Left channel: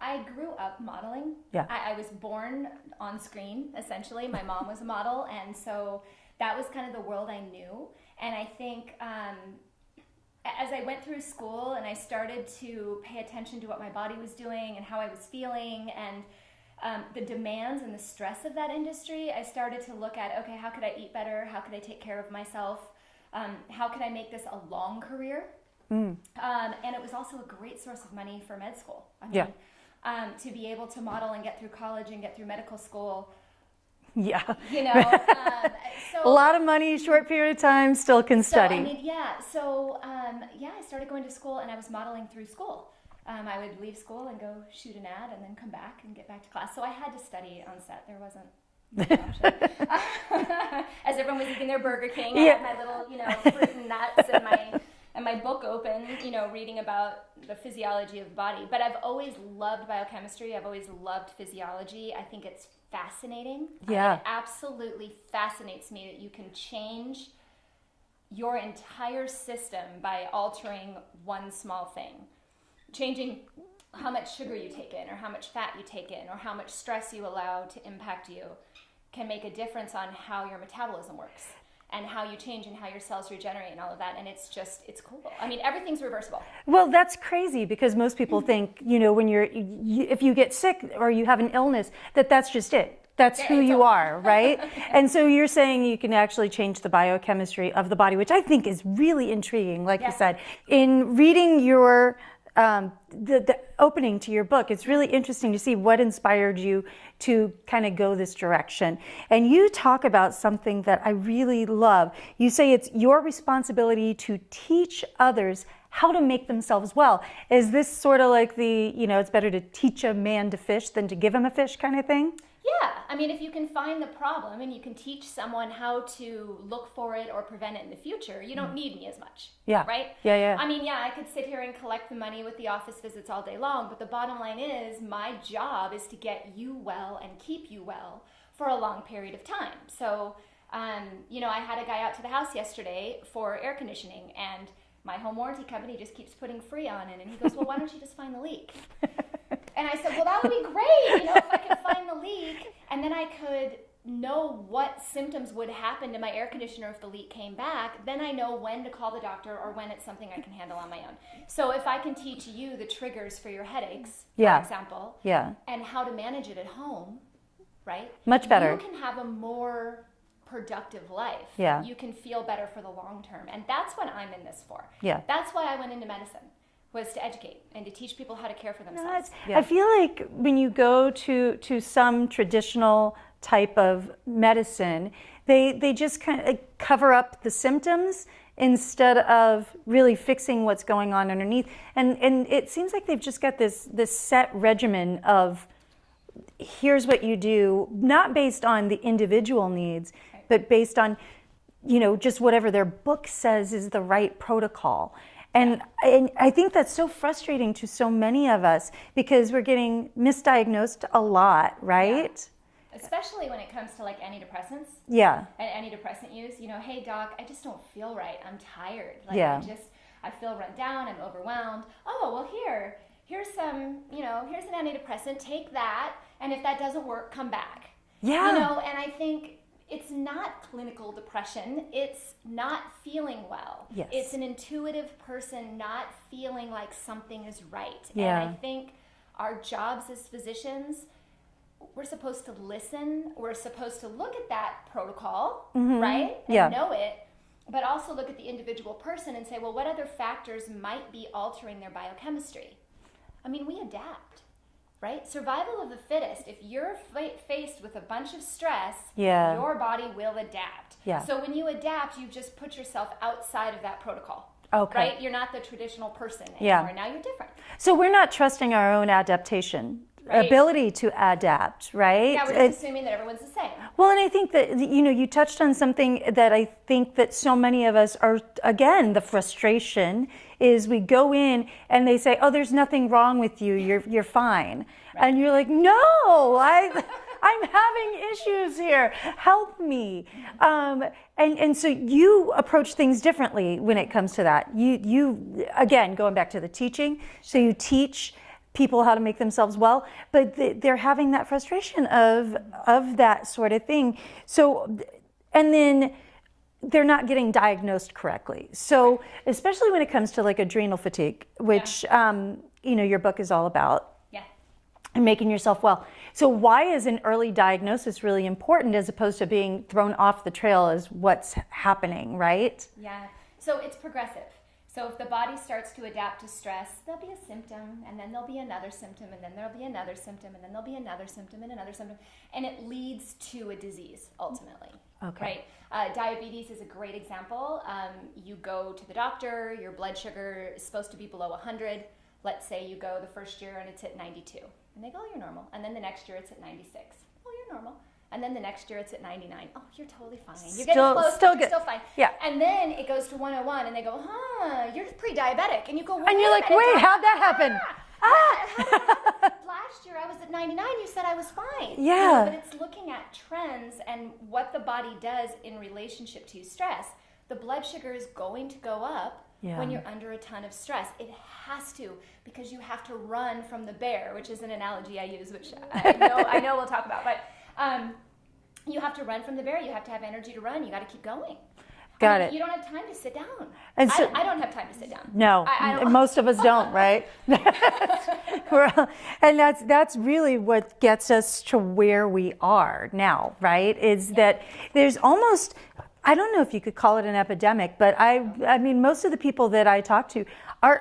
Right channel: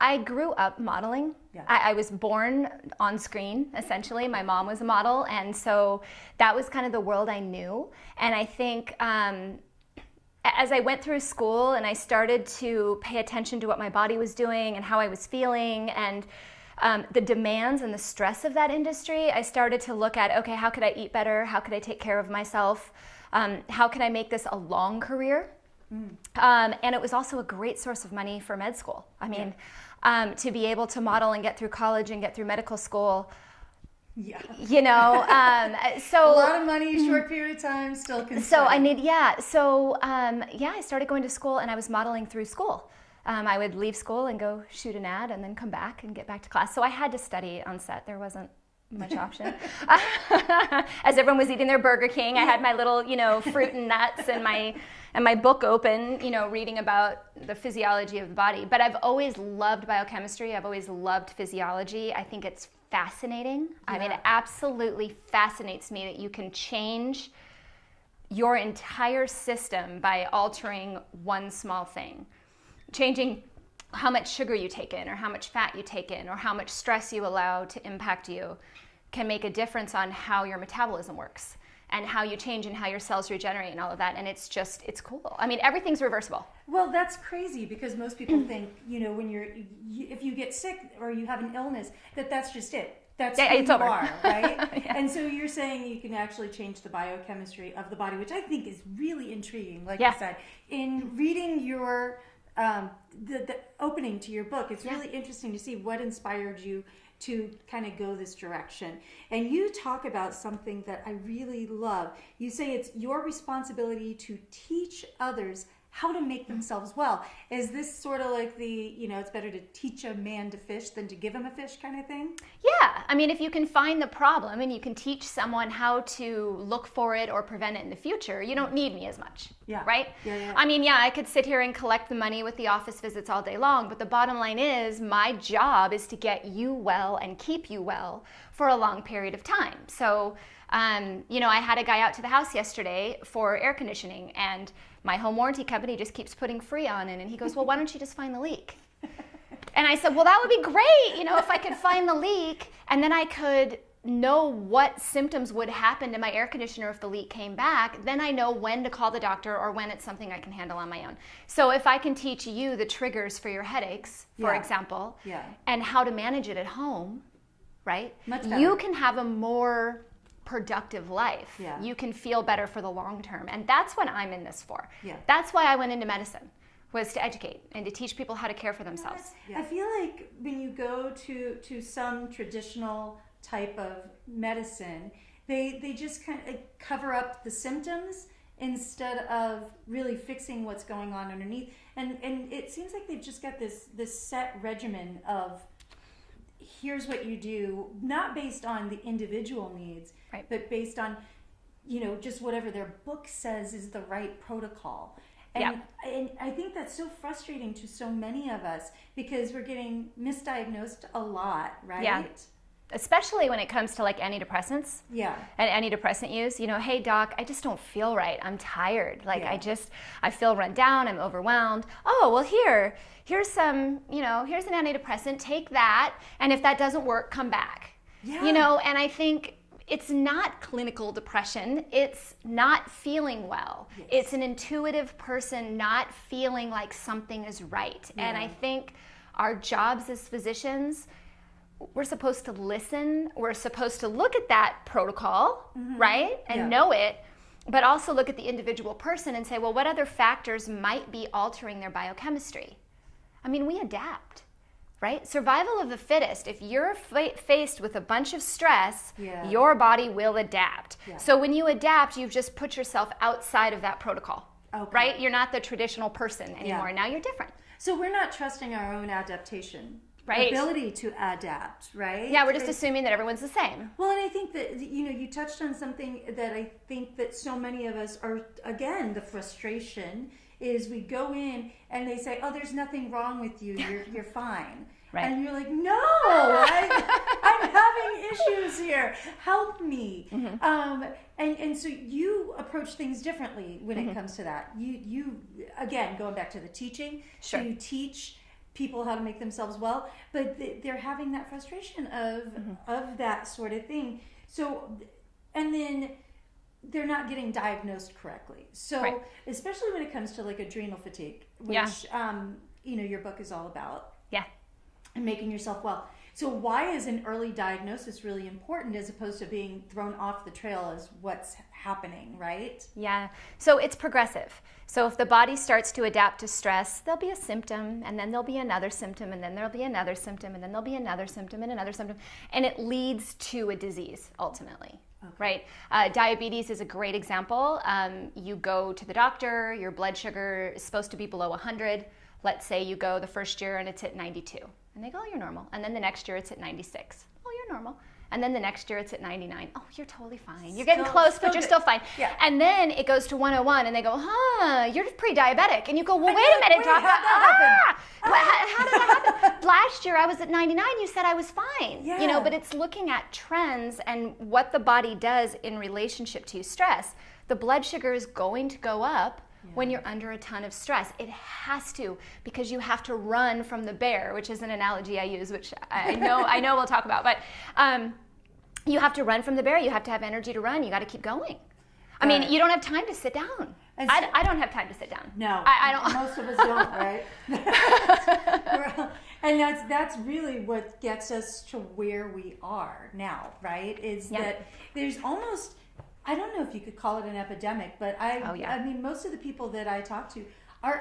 I grew up modeling. Yeah. I was born on screen, essentially. My mom was a model, and so that was kind of the world I knew. And I think as I went through school and I started to pay attention to what my body was doing and how I was feeling and the demands and the stress of that industry, I started to look at, okay, how could I eat better? How could I take care of myself? How can I make this a long career? And it was also a great source of money for med school. I mean, to be able to model and get through college and get through medical school. Yeah. So a lot of money, short period of time, still can study. I started going to school and I was modeling through school. I would leave school and go shoot an ad and then come back and get back to class. So I had to study on set. There wasn't much option. As everyone was eating their Burger King, I had my little, fruit and nuts and my book open, reading about the physiology of the body. But I've always loved biochemistry. I've always loved physiology. I think it's fascinating. It absolutely fascinates me that you can change your entire system by altering one small thing. Changing how much sugar you take in or how much fat you take in or how much stress you allow to impact you can make a difference on how your metabolism works and how you change and how your cells regenerate and all of that. And it's cool. I mean, everything's reversible. Well, that's crazy because most people think, when if you get sick or you have an illness, that's just it. That's who you are, right? And so you're saying you can actually change the biochemistry of the body, which I think is really intriguing. Like you said, in reading your the opening to your book, it's really interesting to see what inspired you to kind of go this direction. And you talk about something that I really love. You say it's your responsibility to teach others how to make themselves well. Is this sort of like it's better to teach a man to fish than to give him a fish kind of thing? Yeah, I mean, if you can find the problem and you can teach someone how to look for it or prevent it in the future, you don't need me as much. Yeah. Right? Yeah. I mean, I could sit here and collect the money with the office visits all day long, but the bottom line is my job is to get you well and keep you well for a long period of time. So, I had a guy out to the house yesterday for air conditioning, and my home warranty company just keeps putting Freon in, and he goes, well, why don't you just find the leak? And I said, well, that would be great, if I could find the leak, and then I could know what symptoms would happen to my air conditioner if the leak came back, then I know when to call the doctor or when it's something I can handle on my own. So if I can teach you the triggers for your headaches, for example, and how to manage it at home, right? Much better. You can have a more productive life. Yeah. You can feel better for the long term. And that's what I'm in this for. Yeah. That's why I went into medicine, was to educate and to teach people how to care for themselves. I feel like when you go to some traditional type of medicine, they just kind of cover up the symptoms instead of really fixing what's going on underneath. And it seems like they've just got this set regimen of here's what you do, not based on the individual needs, but based on, just whatever their book says is the right protocol. And I think that's so frustrating to so many of us because we're getting misdiagnosed a lot, right? Yeah. Especially when it comes to antidepressants. Yeah. And antidepressant use. Hey doc, I just don't feel right. I'm tired. I feel run down. I'm overwhelmed. Oh, well here's some, here's an antidepressant. Take that. And if that doesn't work, come back. Yeah. And I think it's not clinical depression. It's not feeling well. Yes. It's an intuitive person not feeling like something is right. Yeah. And I think our jobs as physicians, we're supposed to listen. We're supposed to look at that protocol, right? And know it, but also look at the individual person and say, well, what other factors might be altering their biochemistry? I mean, we adapt. Right? Survival of the fittest. If you're faced with a bunch of stress, your body will adapt. Yeah. So when you adapt, you've just put yourself outside of that protocol. Okay. Right? You're not the traditional person anymore. Now you're different. So we're not trusting our own adaptation. Ability to adapt, right? Yeah, we're just assuming that everyone's the same. Well, and I think that, you touched on something that I think that so many of us are, again, the frustration is we go in and they say, oh, there's nothing wrong with you, you're fine. Right. And you're like, no, I'm having issues here, help me. And so you approach things differently when it comes to that. You again, going back to the teaching, so you teach people how to make themselves well, but they're having that frustration of that sort of thing. So, and then they're not getting diagnosed correctly. So, especially when it comes to like adrenal fatigue, which you know, your book is all about. Yeah. And making yourself well. So why is an early diagnosis really important as opposed to being thrown off the trail as what's happening, right? Yeah. So it's progressive. So if the body starts to adapt to stress, there'll be a symptom, and then there'll be another symptom, and then there'll be another symptom, and then there'll be another symptom, and another symptom, and it leads to a disease ultimately. Okay. Right? Diabetes is a great example. You go to the doctor, your blood sugar is supposed to be below 100. Let's say you go the first year and it's at 92. And they go, oh, you're normal. And then the next year it's at 96. Oh, you're normal. And then the next year it's at 99. Oh, you're totally fine. You're getting close, but you're still fine. Yeah. And then it goes to 101 and they go, you're pre-diabetic. And you go, well, And wait you're a like, minute. wait, how'd that happen? How did that happen? Last year I was at 99. You said I was fine. Yeah. You know, but it's looking at trends and what the body does in relationship to stress. The blood sugar is going to go up when you're under a ton of stress. It has to, because you have to run from the bear, which is an analogy I use, which I know we'll talk about. But you have to run from the bear. You have to have energy to run. You got to keep going. You don't have time to sit down. And so, I don't have time to sit down. No, I don't. Most of us don't, right? And that's really what gets us to where we are now, right? Is that there's almost, I don't know if you could call it an epidemic, but I mean, most of the people that I talk to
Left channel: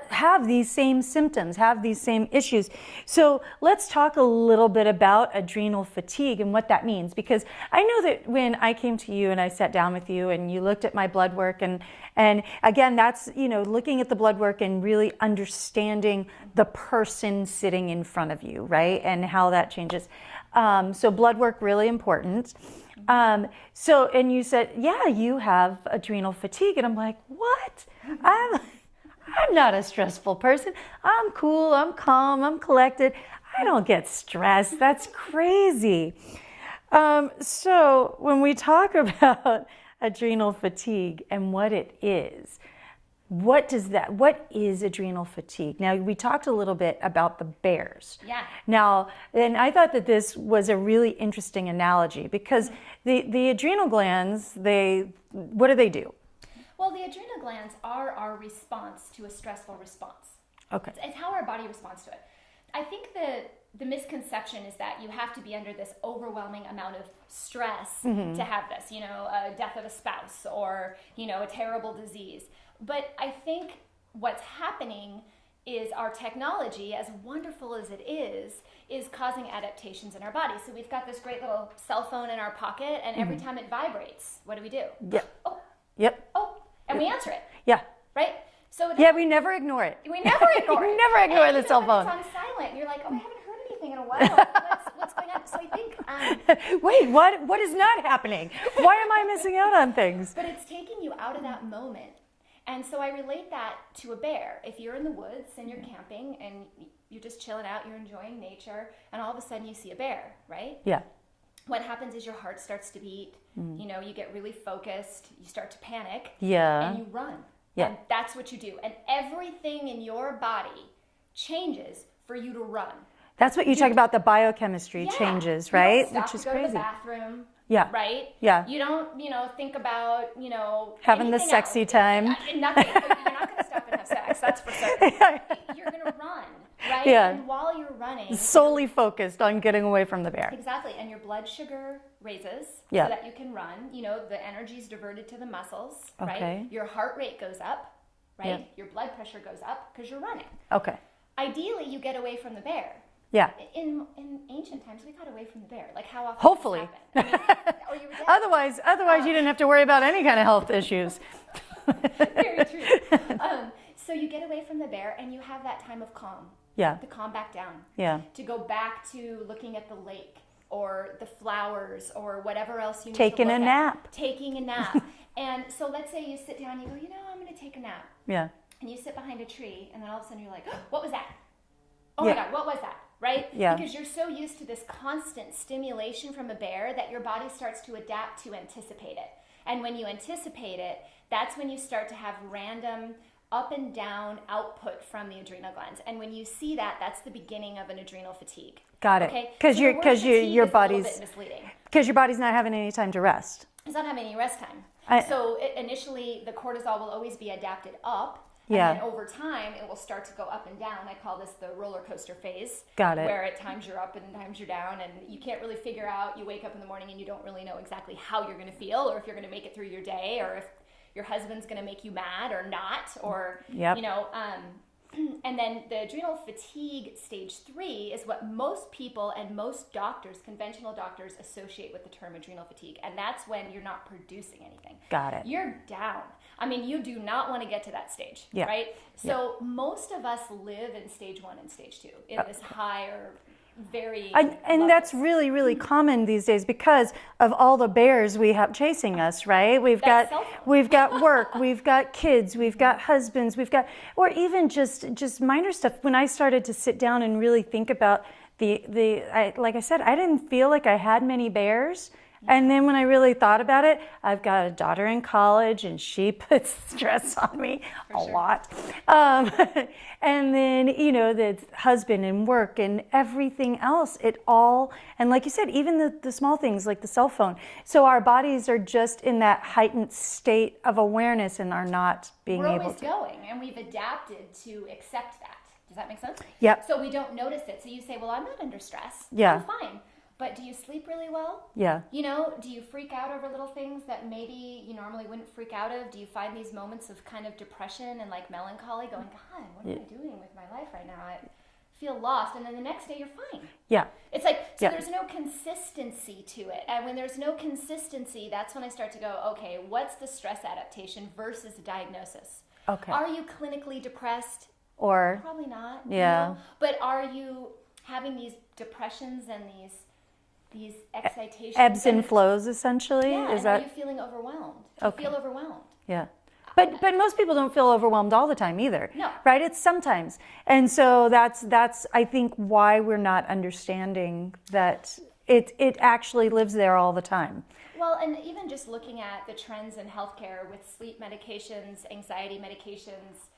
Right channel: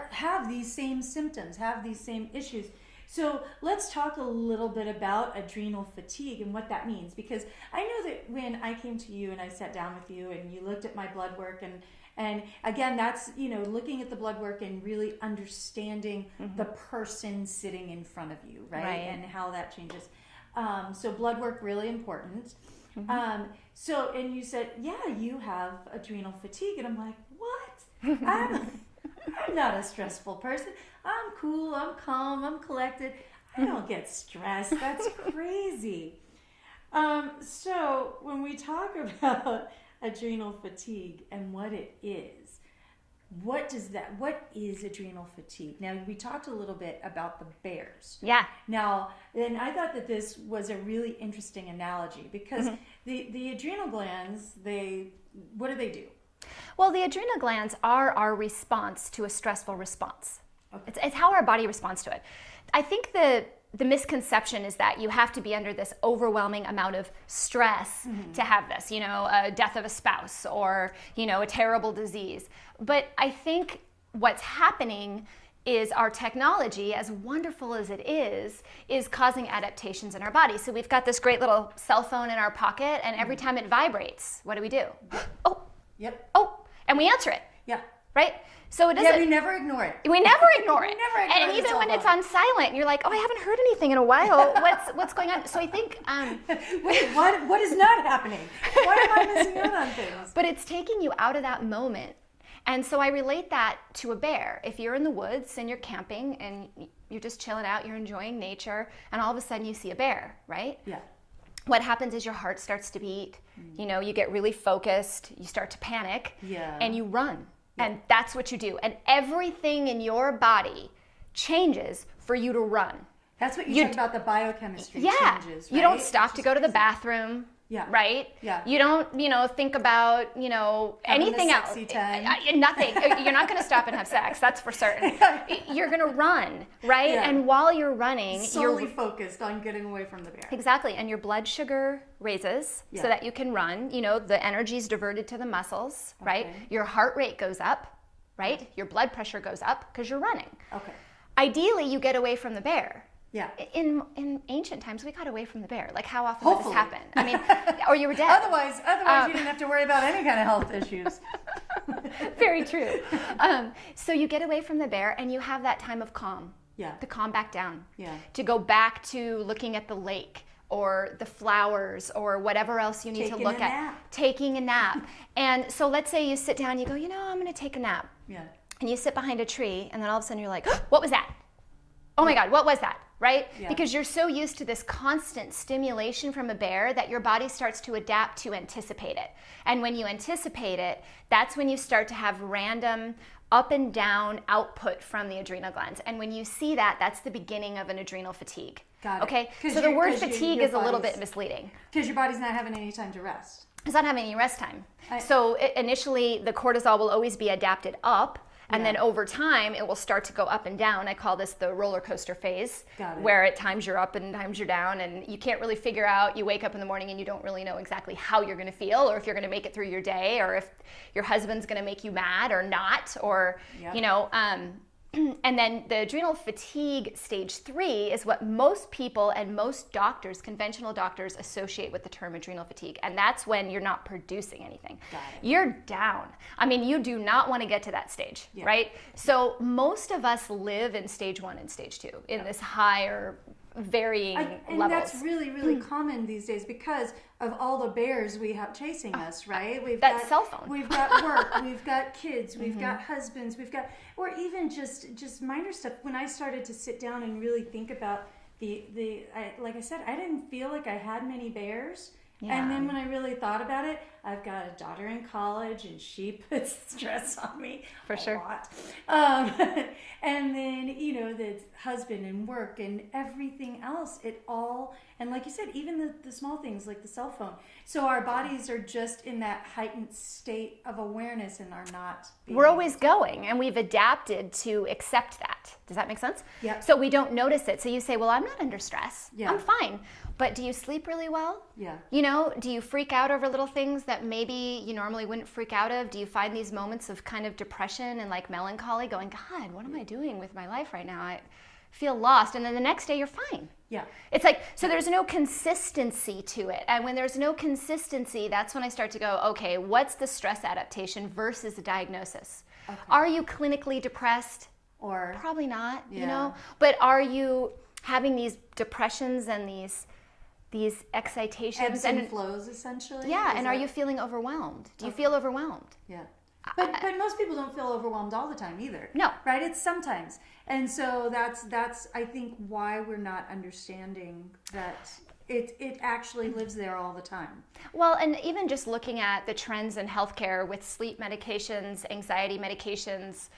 have these same symptoms, have these same issues. So let's talk a little bit about adrenal fatigue and what that means, because I know that when I came to you and I sat down with you and you looked at my blood work, and again, that's, you know, looking at the blood work and really understanding the person sitting in front of you, right? And how that changes. So blood work, really important. So, and you said, yeah, you have adrenal fatigue. And I'm like, what? I'm not a stressful person. I'm cool, I'm calm, I'm collected. I don't get stressed. That's crazy. So when we talk about adrenal fatigue and what it is, what is adrenal fatigue? Now, we talked a little bit about the bears. Yeah. Now, and I thought that this was a really interesting analogy, because the adrenal glands, what do they do? Well, the adrenal glands are our response to a stressful response. Okay. It's how our body responds to it. I think the misconception is that you have to be under this overwhelming amount of stress to have this, you know, a death of a spouse or, you know, a terrible disease. But I think what's happening is our technology, as wonderful as it is causing adaptations in our body. So we've got this great little cell phone in our pocket, and every time it vibrates, what do? Yeah. Oh. Yep. Oh. And we answer it. Yeah. Right? So it we never ignore it. We never ignore it. We never ignore the cell phone. And even when it's on silent, you're like, oh, I haven't heard anything in a while. What's going on? So I think... wait, what is not happening? Why am I missing out on things? But it's taking you out of that moment. And so I relate that to a bear. If you're in the woods and you're camping and you're just chilling out, you're enjoying nature, and all of a sudden you see a bear, right? Yeah. What happens is your heart starts to beat. You know, you get really focused. You start to panic. Yeah. And you run. Yeah. And that's what you do. And everything in your body changes for you to run. That's what you talk about, the biochemistry changes, right? You don't stop to go to the bathroom. Yeah. Right? Yeah. You don't, think about, having anything the sexy else. time. Nothing. You're not going to stop and have sex. That's for certain. You're going to run, right? Yeah. And while you're running, solely focused on getting away from the bear. Exactly. And your blood sugar raises so that you can run. The energy's diverted to the muscles, right? Your heart rate goes up, right? Your blood pressure goes up because you're running. Okay. Ideally, you get away from the bear. Yeah. In ancient times, we got away from the bear. Like, how often Hopefully. did this happen? Or you were dead. Otherwise, you didn't have to worry about any kind of health issues. Very true. So you get away from the bear, and you have that time of calm. Yeah. To calm back down. Yeah. To go back to looking at the lake or the flowers or whatever else you need Taking to look a nap. at. Taking a nap. And so let's say you sit down, you go, I'm going to take a nap. Yeah. And you sit behind a tree, and then all of a sudden you're like, what was that? Oh my God, what was that? Right? Yeah. Because you're so used to this constant stimulation from a bear that your body starts to adapt to anticipate it. And when you anticipate it, that's when you start to have random up and down output from the adrenal glands. And when you see that, that's the beginning of an adrenal fatigue. Got it. Okay? So the word fatigue is a little bit misleading. Because your body's not having any time to rest. It's not having any rest time. So initially, the cortisol will always be adapted up. And then over time, it will start to go up and down. I call this the roller coaster phase. Got it. Where at times you're up and times you're down, and you can't really figure out. You wake up in the morning and you don't really know exactly how you're going to feel, or if you're going to make it through your day, or if your husband's going to make you mad or not, or you know. And then the adrenal fatigue stage 3 is what most people and most doctors, conventional doctors, associate with the term adrenal fatigue. And that's when you're not producing anything. Got it. You're down. I mean, you do not want to get to that stage, right? So most of us live in stage 1 and stage 2 in this higher varying and levels. that's really, really common these days because of all the bears we have chasing us, right? We've got work, we've got kids, we've got husbands, we've got, or even just minor stuff. When I started to sit down and really think about like I said, I didn't feel like I had many bears. And then when I really thought about it, I've got a daughter in college and she puts stress on me a lot. And then, you know, the husband and work and everything else, it all, and like you said, even the small things like the cell phone. So our bodies are just in that heightened state of awareness and are not being We're always going, and we've adapted to accept that. Does that make sense? Yep. So we don't notice it. So you say, well, I'm not under stress. Yeah. I'm fine. But do you sleep really well? Yeah. You know, do you freak out over little things that maybe you normally wouldn't freak out of? Do you find these moments of kind of depression and like melancholy going, God, what am I doing with my life right now? I feel lost. And then the next day you're fine. Yeah. It's like, so there's no consistency to it. And when there's no consistency, that's when I start to go, okay, what's the stress adaptation versus the diagnosis? Okay. Are you clinically depressed? Or Probably not. Yeah. You know? But are you having these depressions and these excitations? Ebbs and flows, essentially? Yeah, and are you feeling overwhelmed? Do you feel overwhelmed? Yeah. But most people don't feel overwhelmed all the time either. No. Right? It's sometimes. And so that's I think why we're not understanding that it actually lives there all the time. Well, and even just looking at the trends in healthcare with sleep medications, anxiety medications,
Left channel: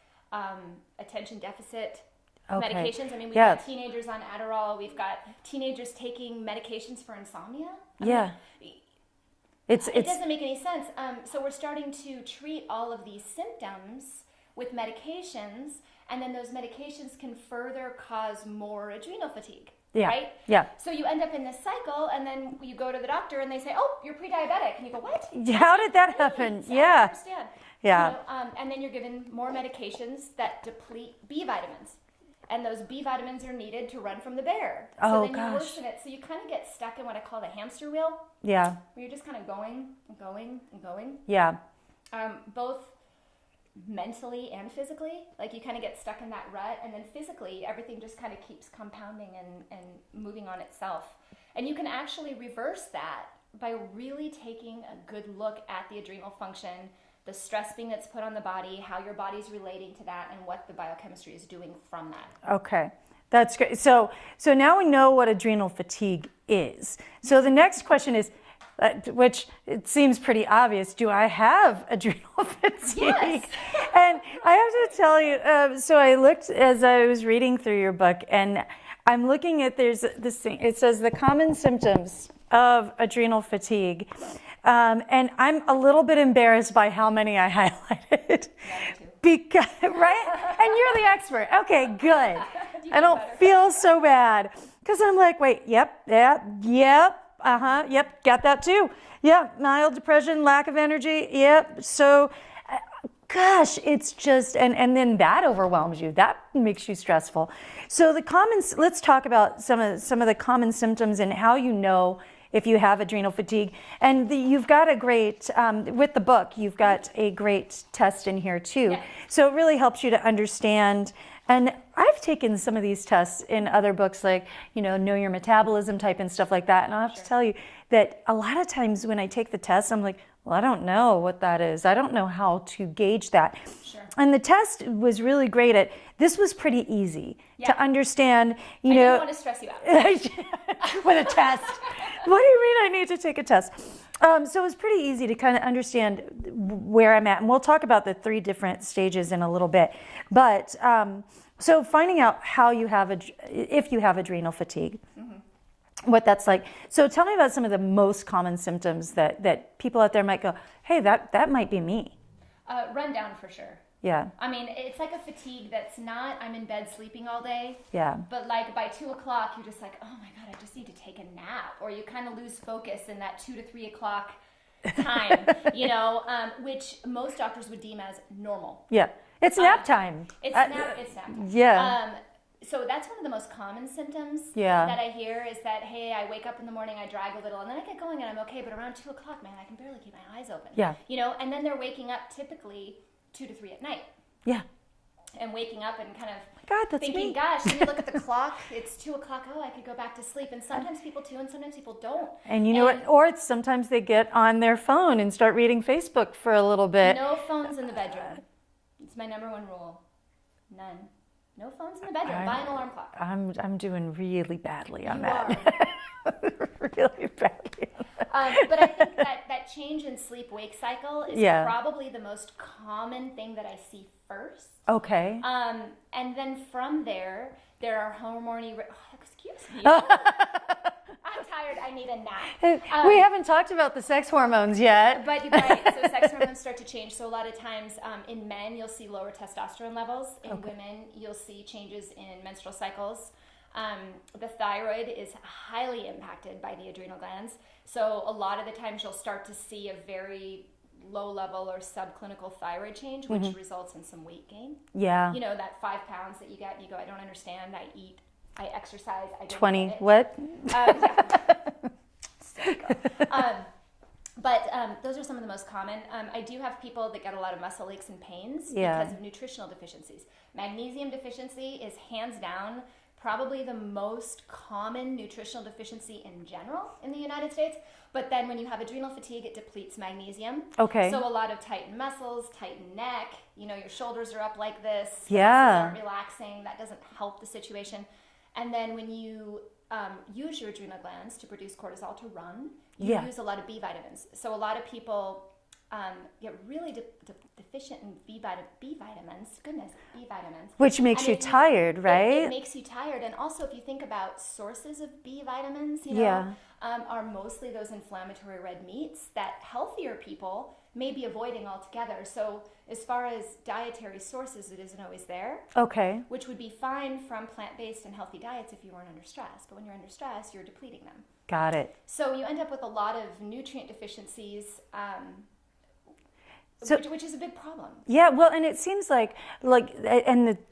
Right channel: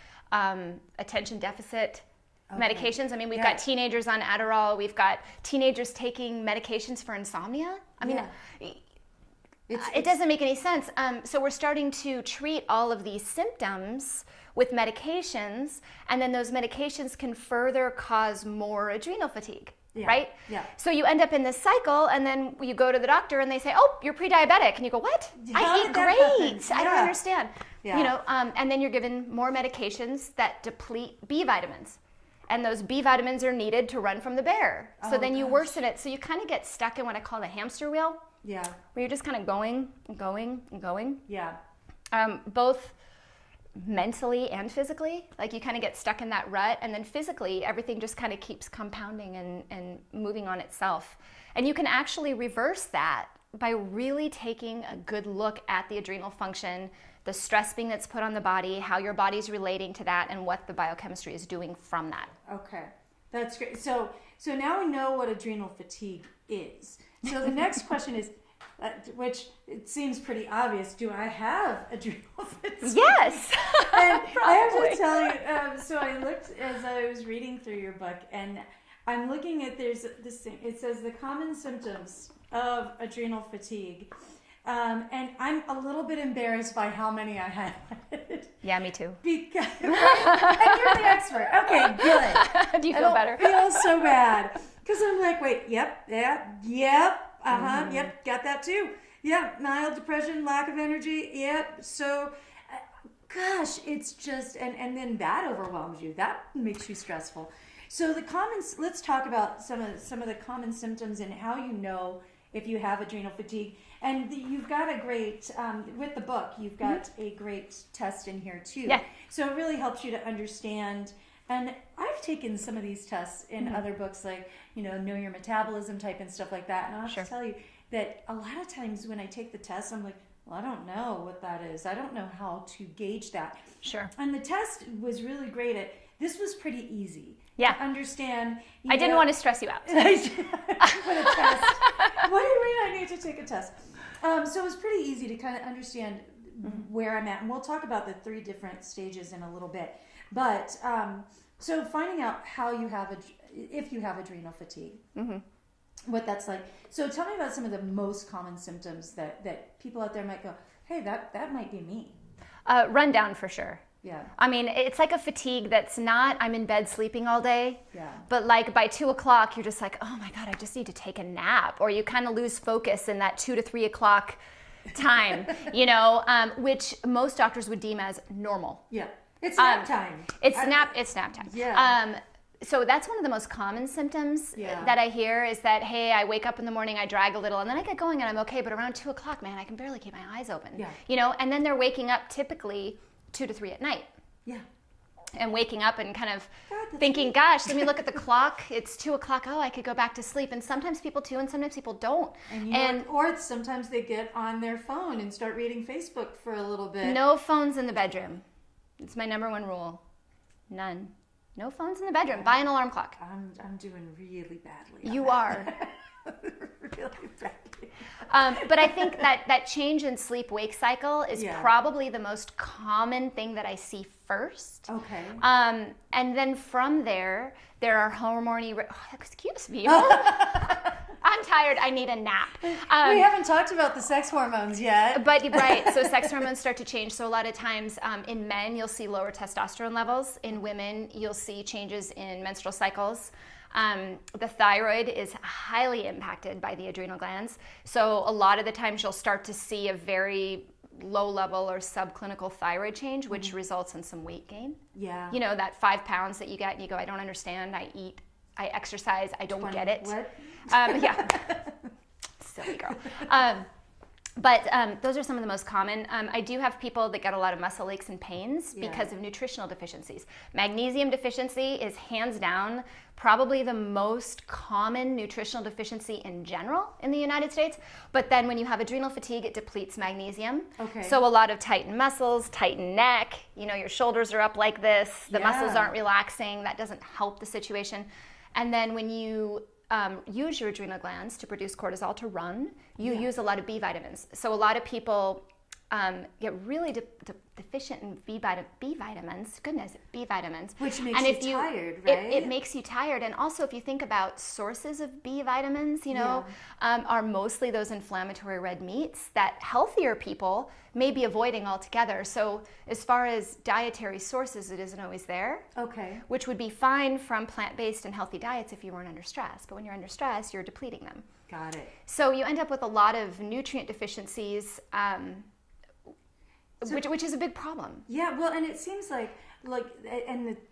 attention deficit medications. I mean, we've got teenagers on Adderall. We've got teenagers taking medications for insomnia. I mean, it doesn't make any sense. So we're starting to treat all of these symptoms with medications, and then those medications can further cause more adrenal fatigue. Right? Yeah. So you end up in this cycle, and then you go to the doctor, and they say, "Oh, you're pre-diabetic," and you go, "What? How did that happen? I don't understand." Yeah. You know, and then you're given more medications that deplete B vitamins, and those B vitamins are needed to run from the bear. So then you worsen it. So you kind of get stuck in what I call the hamster wheel. Yeah. Where you're just kind of going and going and going. Yeah. Both mentally and physically, like you kind of get stuck in that rut, and then physically everything just kind of keeps compounding and moving on itself. And you can actually reverse that by really taking a good look at the adrenal function, the stress being that's put on the body, how your body's relating to that, and what the biochemistry is doing from that. Okay. That's great. So now we know what adrenal fatigue is. So the next question is, which it seems pretty obvious, do I have adrenal fatigue? Yes. And I have to tell you, so I looked as I was reading through your book, and I'm looking at, there's this thing, it says the common symptoms of adrenal fatigue. And I'm a little bit embarrassed by how many I highlighted. Yeah, me too. Because, right? And you're the expert. Okay, good. Do you feel better? I don't feel so bad. Because I'm like, wait, yep, got that too. Yep, mild depression, lack of energy, yep. So, gosh, it's just, and then that overwhelms you. That makes you stressful. So let's talk about some of the common symptoms and how you know if you have adrenal fatigue. And you've got a great, with the book, you've got a great test in here too. Yeah. So it really helps you to understand. And I've taken some of these tests in other books, like, know your metabolism type and stuff like that. And I'll have to tell you that a lot of times when I take the test, I'm like, well, I don't know what that is. I don't know how to gauge that. Sure. And the test was really great at, this was pretty easy to understand. I didn't want to stress you out. With a test. What do you mean I need to take a test? So it's pretty easy to kind of understand where I'm at, and we'll talk about the 3 different stages in a little bit. But so finding out how you have if you have adrenal fatigue, what that's like. So tell me about some of the most common symptoms that people out there might go, hey, that might be me. Run down for sure. Yeah. I mean, it's like a fatigue that's not, I'm in bed sleeping all day. Yeah. But like by 2 o'clock, you're just like, oh my God, I just need to take a nap. Or you kind of lose focus in that 2 to 3 o'clock time, which most doctors would deem as normal. Yeah. It's nap time. It's nap time. Yeah. So that's one of the most common symptoms Yeah. that I hear is that, hey, I wake up in the morning, I drag a little, and then I get going and I'm okay. But around 2 o'clock, man, I can barely keep my eyes open. Yeah. And then they're waking up typically 2 to 3 at night. Yeah. And waking up and kind of that's thinking, me. gosh, let me look at the clock. It's 2 o'clock. Oh, I could go back to sleep. And sometimes people do, and sometimes people don't. And you know what? Or sometimes they get on their phone and start reading Facebook for a little bit. No phones in the bedroom. It's my number 1 rule. None. No phones in the bedroom. Buy an alarm clock. I'm doing really badly on You that. are. Really badly. But I think that change in sleep-wake cycle is Yeah. probably the most common thing that I see first. Okay. And then from there are hormone. Excuse me. I'm tired. I need a nap. We haven't talked about the sex hormones yet. But right, so sex hormones start to change. So a lot of times in men, you'll see lower testosterone levels. In women, you'll see changes in menstrual cycles. The thyroid is highly impacted by the adrenal glands. So a lot of the times you'll start to see a very low level or subclinical thyroid change, which results in some weight gain. Yeah. That 5 pounds that you get and you go, I don't understand. I eat, I exercise, I don't 20, get it. what? Yeah. Silly girl. But those are some of the most common. I do have people that get a lot of muscle aches and pains because of nutritional deficiencies. Magnesium deficiency is hands down probably the most common nutritional deficiency in general in the United States. But then when you have adrenal fatigue, it depletes magnesium. Okay. So a lot of tightened muscles, tightened neck, your shoulders are up like this, the muscles aren't relaxing, that doesn't help the situation. And then when you use your adrenal glands to produce cortisol to run, you use a lot of B vitamins. So a lot of people get really deficient in B vitamins. Goodness, B vitamins. Which makes you tired, right? It makes you tired. And also if you think about sources of B vitamins, are mostly those inflammatory red meats that healthier people may be avoiding altogether. So as far as dietary sources, it isn't always there. Okay. Which would be fine from plant-based and healthy diets if you weren't under stress. But when you're under stress, you're depleting them. Got it. So you end up with a lot of nutrient deficiencies, which is a big problem. Yeah, well, and it seems like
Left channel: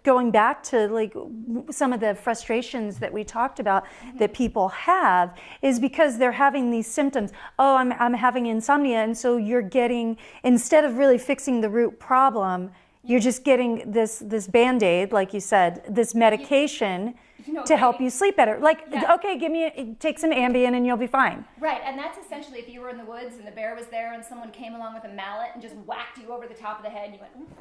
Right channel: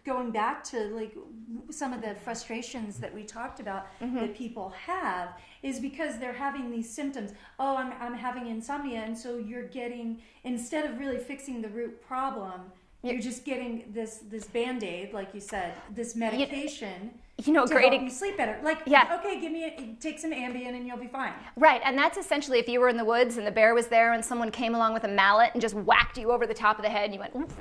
going back to some of the frustrations that we talked about that people have is because they're having these symptoms. Oh, I'm having insomnia, and so you're getting, instead of really fixing the root problem, you're just getting this Band-Aid, like you said, this medication to help you sleep better. Okay, take some Ambien and you'll be fine. Right, and that's essentially if you were in the woods and the bear was there and someone came along with a mallet and just whacked you over the top of the head and you went, oof.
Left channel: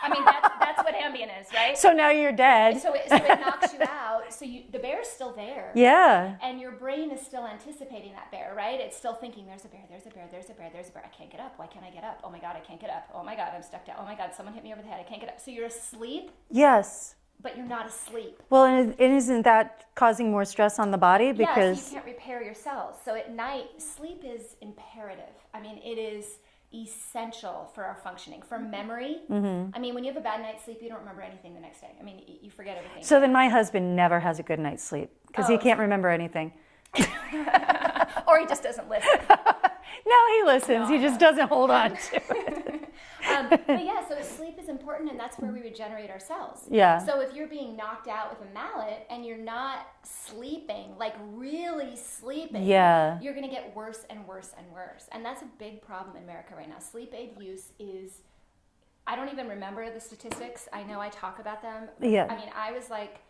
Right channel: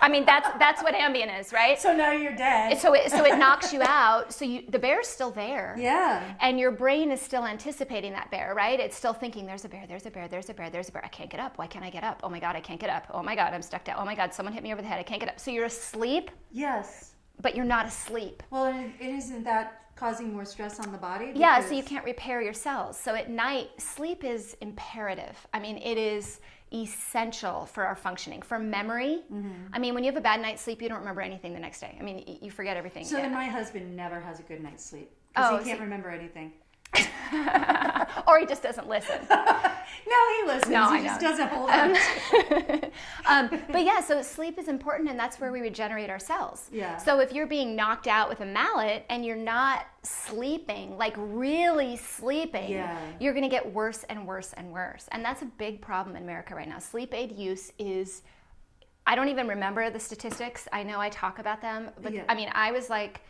I mean, that's what Ambien is, right? So now you're dead. So it knocks you out. So the bear's still there. Yeah. And your brain is still anticipating that bear, right? It's still thinking, there's a bear, there's a bear, there's a bear, there's a bear. I can't get up. Why can't I get up? Oh my God, I can't get up. Oh my God, I'm stuck down. Oh my God, someone hit me over the head. I can't get up. So you're asleep. Yes. But you're not asleep. Well, and isn't that causing more stress on the body? Yeah, so you can't repair your cells. So at night, sleep is imperative. I mean, it is essential for our functioning, for memory. I mean, when you have a bad night's sleep, you don't remember anything the next day. I mean, you forget everything. So then my husband never has a good night's sleep because he can't remember anything. Or he just doesn't listen. No, he listens. He just doesn't hold on to it. But yeah, so sleep is important, and that's where we regenerate our cells. Yeah. So if you're being knocked out with a mallet and you're not sleeping, like really sleeping, you're going to get worse and worse and worse. And that's a big problem in America right now. Sleep aid use is, I don't even remember the statistics. I know I talk about them. But I mean, I was like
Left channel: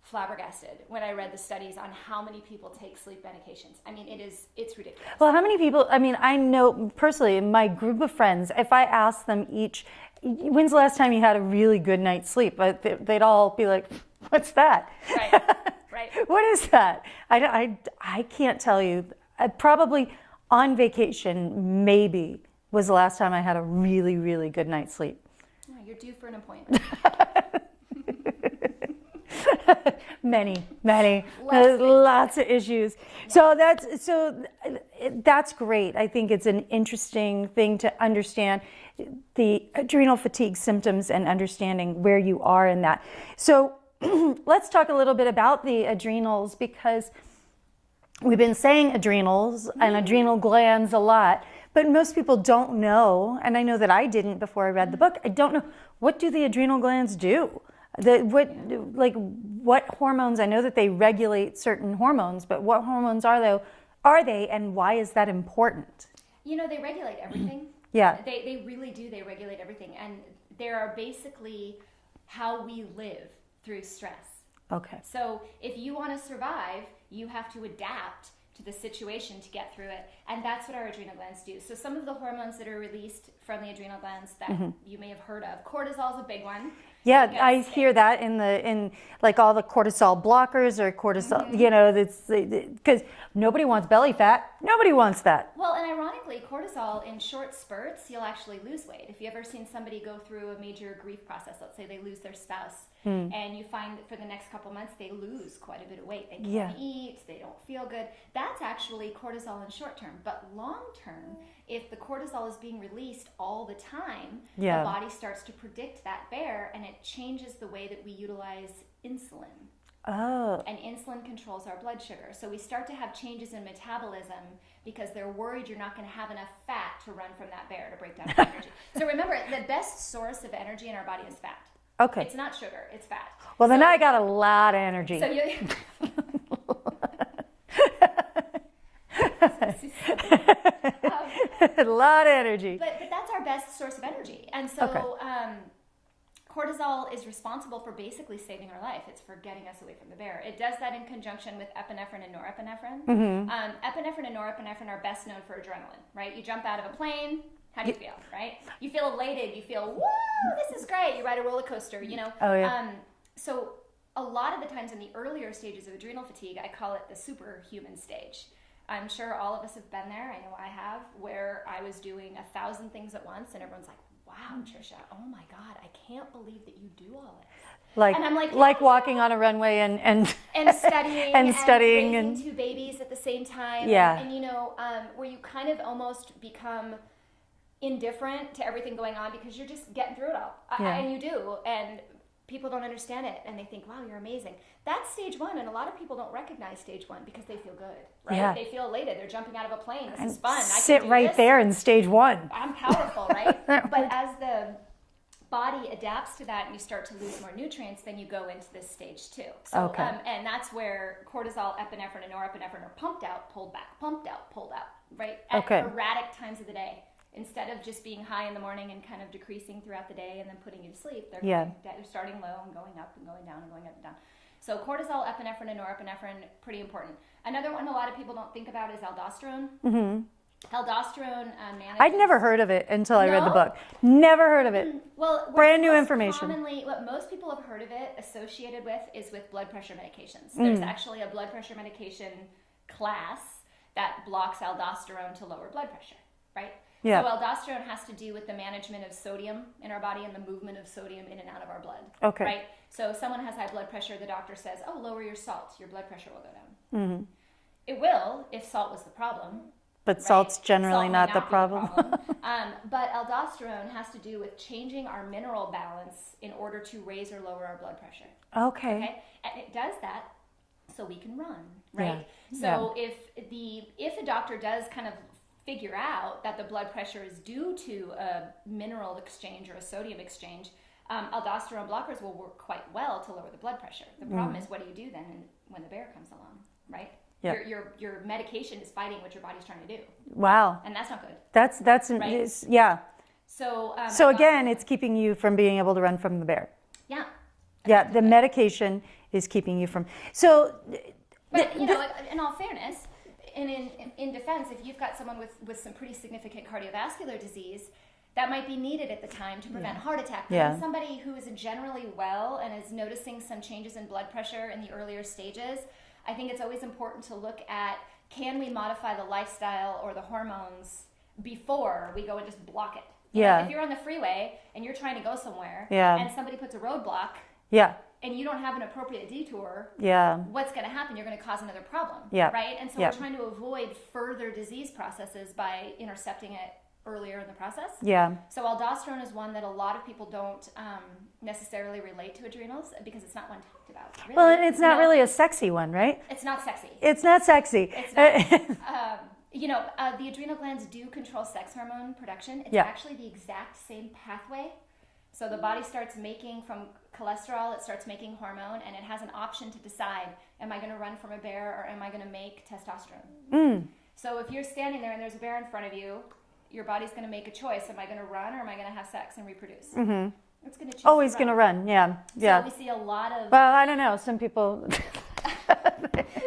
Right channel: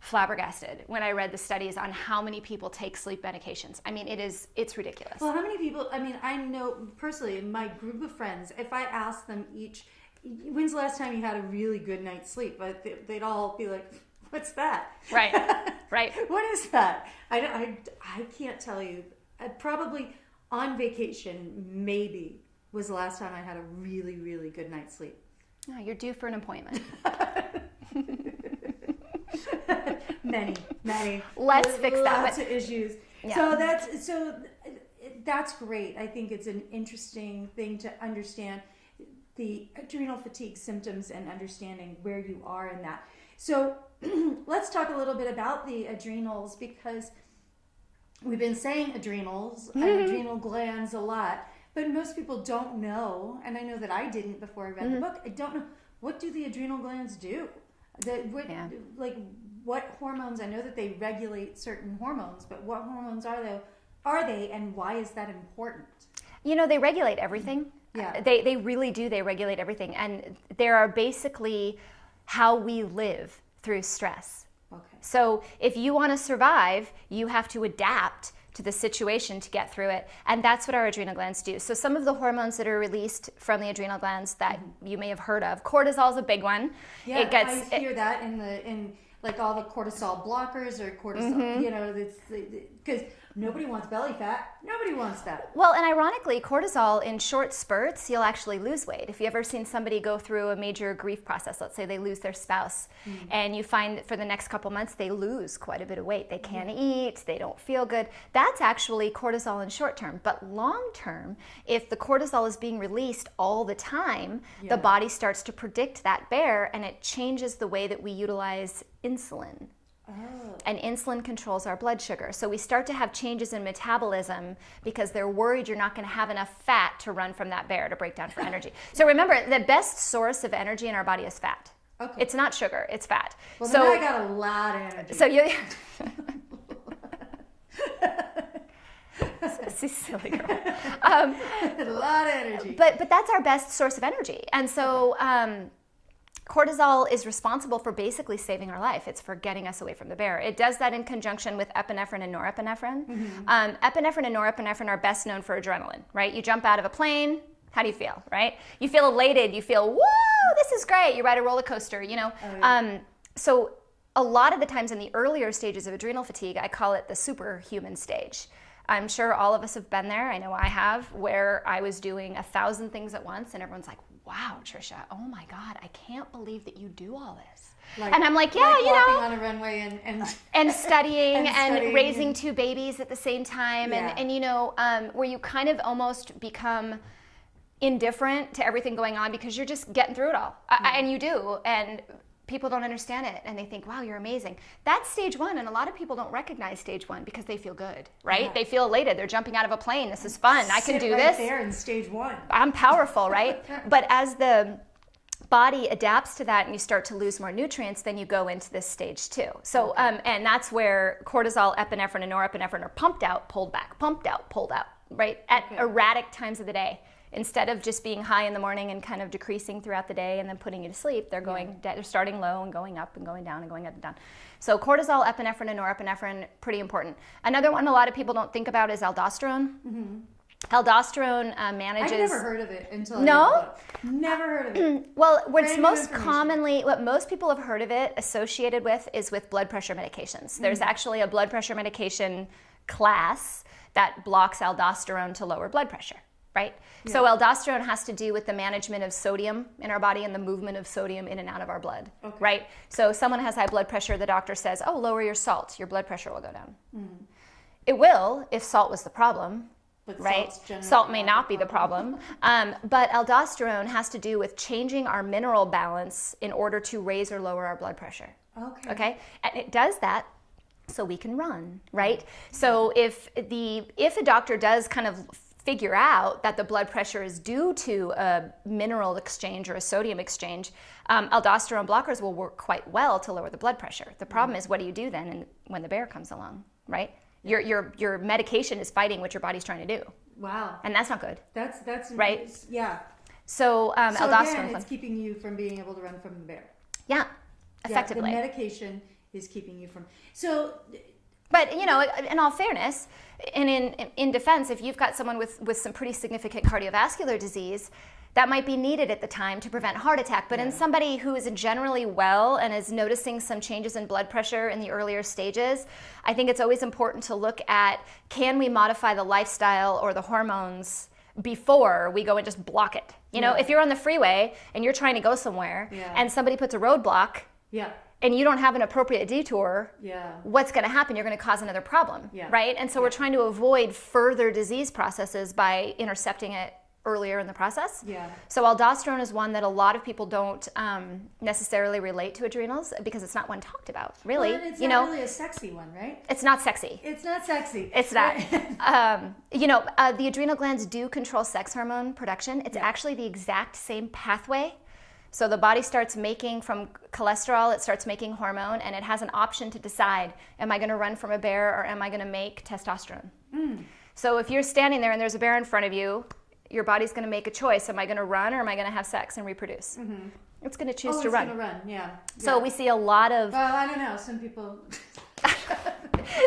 flabbergasted when I read the studies on how many people take sleep medications. I mean, it's ridiculous. Well, how many people, I mean, I know personally in my group of friends, if I ask them each, when's the last time you had a really good night's sleep? They'd all be like, what's that? Right, right. What is that? I can't tell you. Probably on vacation, maybe, was the last time I had a really, really good night's sleep. Oh, you're due for an appointment. Many. Let's fix that. Lots of issues. Yeah. So that's great. I think it's an interesting thing to understand the adrenal fatigue symptoms and understanding where you are in that. So let's talk a little bit about the adrenals, because we've been saying adrenals and adrenal glands a lot, but most people don't know, and I know that I didn't before I read the book. I don't know, what do the adrenal glands do? What hormones? I know that they regulate certain hormones, but what hormones are they, and why is that important? You know, they regulate everything. Yeah. They really do. They regulate everything, and they are basically how we live through stress. Okay. So if you want to survive, you have to adapt to the situation to get through it, and that's what our adrenal glands do. So some of the hormones that are released from the adrenal glands that you may have heard of, cortisol is a big one. Yeah, I hear that in like all the cortisol blockers or cortisol, you know, because nobody wants belly fat. Nobody wants that. Well, and ironically, cortisol in short spurts, you'll actually lose weight. If you ever seen somebody go through a major grief process, let's say they lose their spouse, and you find for the next couple months they lose quite a bit of weight. They can't eat, they don't feel good. That's actually cortisol in short term. But long term, if the cortisol is being released all the time, the body starts to predict that bear, and it changes the way that we utilize insulin. Oh. And insulin controls our blood sugar. So we start to have changes in metabolism because they're worried you're not going to have enough fat to run from that bear to break down for energy. So remember, the best source of energy in our body is fat. Okay. It's not sugar, it's fat. Well, then I got a lot of energy. So you... So silly. A lot of energy. But that's our best source of energy. And so... cortisol is responsible for basically saving our life. It's for getting us away from the bear. It does that in conjunction with epinephrine and norepinephrine. Epinephrine and norepinephrine are best known for adrenaline, right? You jump out of a plane, how do you feel, right? You feel elated, you feel, whoa, this is great. You ride a roller coaster, you know? Oh, yeah. So a lot of the times in the earlier stages of adrenal fatigue, I call it the superhuman stage. I'm sure all of us have been there. I know I have, where I was doing 1,000 things at once and everyone's like, wow, Trisha, oh my God, I can't believe that you do all this. And I'm like, yeah, like walking on a runway and studying and raising and 2 babies at the same time. Yeah. And you know, where you kind of almost become indifferent to everything going on because you're just getting through it all. And you do. And people don't understand it and they think, wow, you're amazing. That's stage 1, and a lot of people don't recognize stage 1 because they feel good, right? Yeah. They feel elated. They're jumping out of a plane. This is fun. I can sit do right this. there in stage 1. I'm powerful, right? But as the body adapts to that and you start to lose more nutrients, then you go into this stage 2. So, and that's where cortisol, epinephrine, and norepinephrine are pumped out, pulled back, pumped out, pulled out, right? At erratic times of the day. Instead of just being high in the morning and kind of decreasing throughout the day and then putting you to sleep, they're going, they're starting low and going up and going down and going up and down. So cortisol, epinephrine, and norepinephrine, pretty important. Another one a lot of people don't think about is aldosterone. Aldosterone manages... I've never heard of it until I read the book. Never heard of it. Well, Brand new information. What most people have heard of it associated with is with blood pressure medications. There's actually a blood pressure medication class that blocks aldosterone to lower blood pressure, right? Yeah. So aldosterone has to do with the management of sodium in our body and the movement of sodium in and out of our blood, right? So if someone has high blood pressure, the doctor says, oh, lower your salt, your blood pressure will go down. It will if salt was the problem. But salt's generally salt may not be the problem. But aldosterone has to do with changing our mineral balance in order to raise or lower our blood pressure. Okay? And it does that so we can run, right? So if a doctor does kind of figure out that the blood pressure is due to a mineral exchange or a sodium exchange, aldosterone blockers will work quite well to lower the blood pressure. The problem is, what do you do then when the bear comes along, right? Yeah. Your medication is fighting what your body's trying to do. Wow. And that's not good. That's right. Yeah. So again, it's keeping you from being able to run from the bear. Yeah. Yeah. The medication is keeping you from. So. But you know, in all fairness, and in defense, if you've got someone with some pretty significant cardiovascular disease, that might be needed at the time to prevent heart attack. But in somebody who is generally well and is noticing some changes in blood pressure in the earlier stages, I think it's always important to look at, can we modify the lifestyle or the hormones before we go and just block it? You know, if you're on the freeway and you're trying to go somewhere and somebody puts a roadblock and you don't have an appropriate detour, what's going to happen? You're going to cause another problem, right? And so we're trying to avoid further disease processes by intercepting it earlier in the process. So aldosterone is one that a lot of people don't necessarily relate to adrenals because it's not one talked about, really. Well, it's not really a sexy one, right? It's not sexy. It's not sexy. It's not. The adrenal glands do control sex hormone production. It's actually the exact same pathway. So the body starts making, from cholesterol, it starts making hormone, and it has an option to decide, am I going to run from a bear or am I going to make testosterone? So if you're standing there and there's a bear in front of you, your body's going to make a choice. Am I going to run or am I going to have sex and reproduce? It's going to choose to run. Always going to run, So we see a lot of... Well, I don't know. Some people...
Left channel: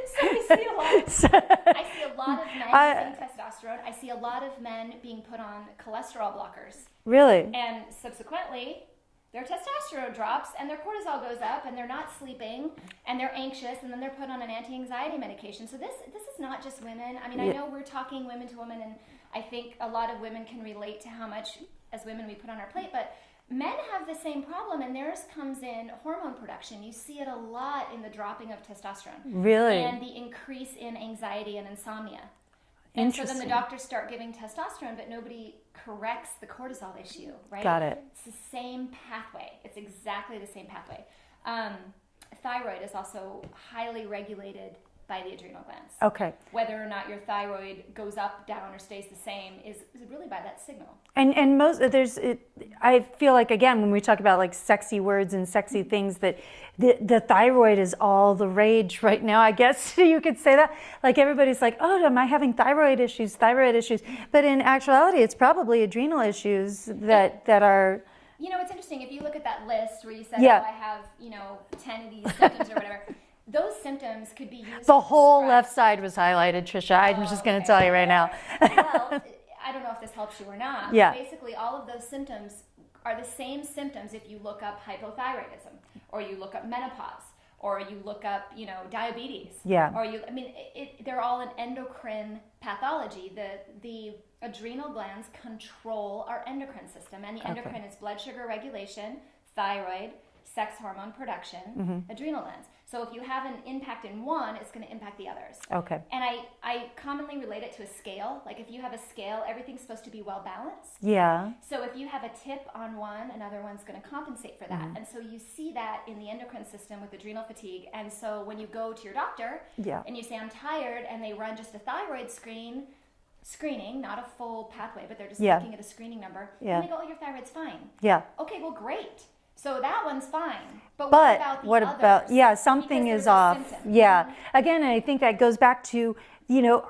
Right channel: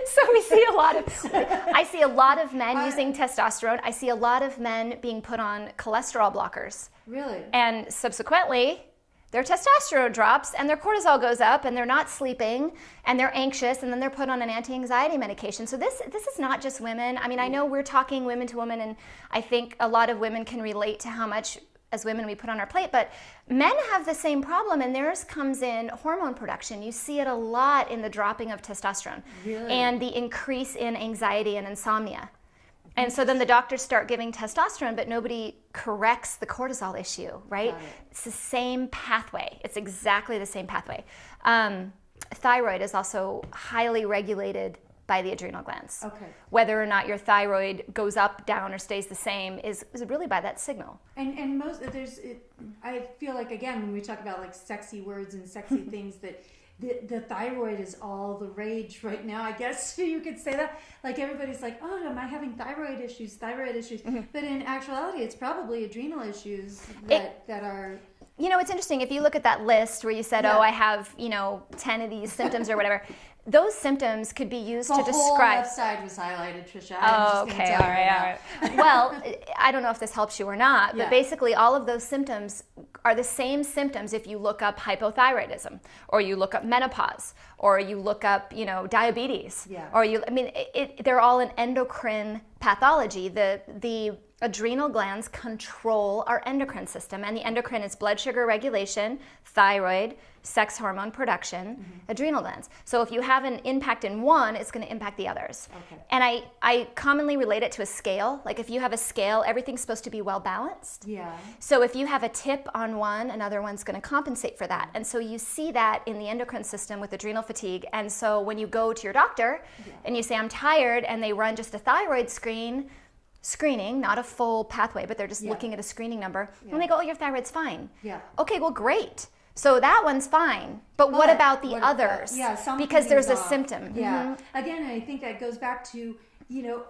So we see a lot of... I see a lot of men using testosterone. I see a lot of men being put on cholesterol blockers. Really? And subsequently, their testosterone drops and their cortisol goes up and they're not sleeping and they're anxious and then they're put on an anti-anxiety medication. So this is not just women. I mean, I know we're talking women to women, and I think a lot of women can relate to how much as women we put on our plate, but men have the same problem, and theirs comes in hormone production. You see it a lot in the dropping of testosterone. Really? And the increase in anxiety and insomnia. And so then the doctors start giving testosterone, but nobody corrects the cortisol issue, right? Got it. It's the same pathway. It's exactly the same pathway. Thyroid is also highly regulated by the adrenal glands. Okay. Whether or not your thyroid goes up, down, or stays the same is really by that signal. And I feel like, again, when we talk about like sexy words and sexy things, that the thyroid is all the rage right now. I guess you could say that. Like everybody's like, oh, am I having thyroid issues? But in actuality, it's probably adrenal issues that are... You know, it's interesting. If you look at that list where you said, oh, I have, 10 of these symptoms or whatever, those symptoms could be used to describe... The whole left side was highlighted, Trisha. I'm just going to tell you right now. Well, I don't know if this helps you or not, but basically all of those symptoms are the same symptoms if you look up hypothyroidism, or you look up menopause, or you look up, diabetes. Or they're all an endocrine pathology. The adrenal glands control our endocrine system, and the endocrine is blood sugar regulation, thyroid, sex hormone production, adrenal glands. So if you have an impact in one, it's going to impact the others. Okay. And I commonly relate it to a scale. Like if you have a scale, everything's supposed to be well balanced. Yeah. So if you have a tip on one, another one's going to compensate for that. And so you see that in the endocrine system with adrenal fatigue. And so when you go to your doctor and you say, I'm tired, and they run just a thyroid screening, not a full pathway, but they're just looking at a screening number, and they go, oh, your thyroid's fine. Okay, well, great. So that one's fine. But what about the others? Something because there's is off. A symptom. Again, I think that goes back to, no,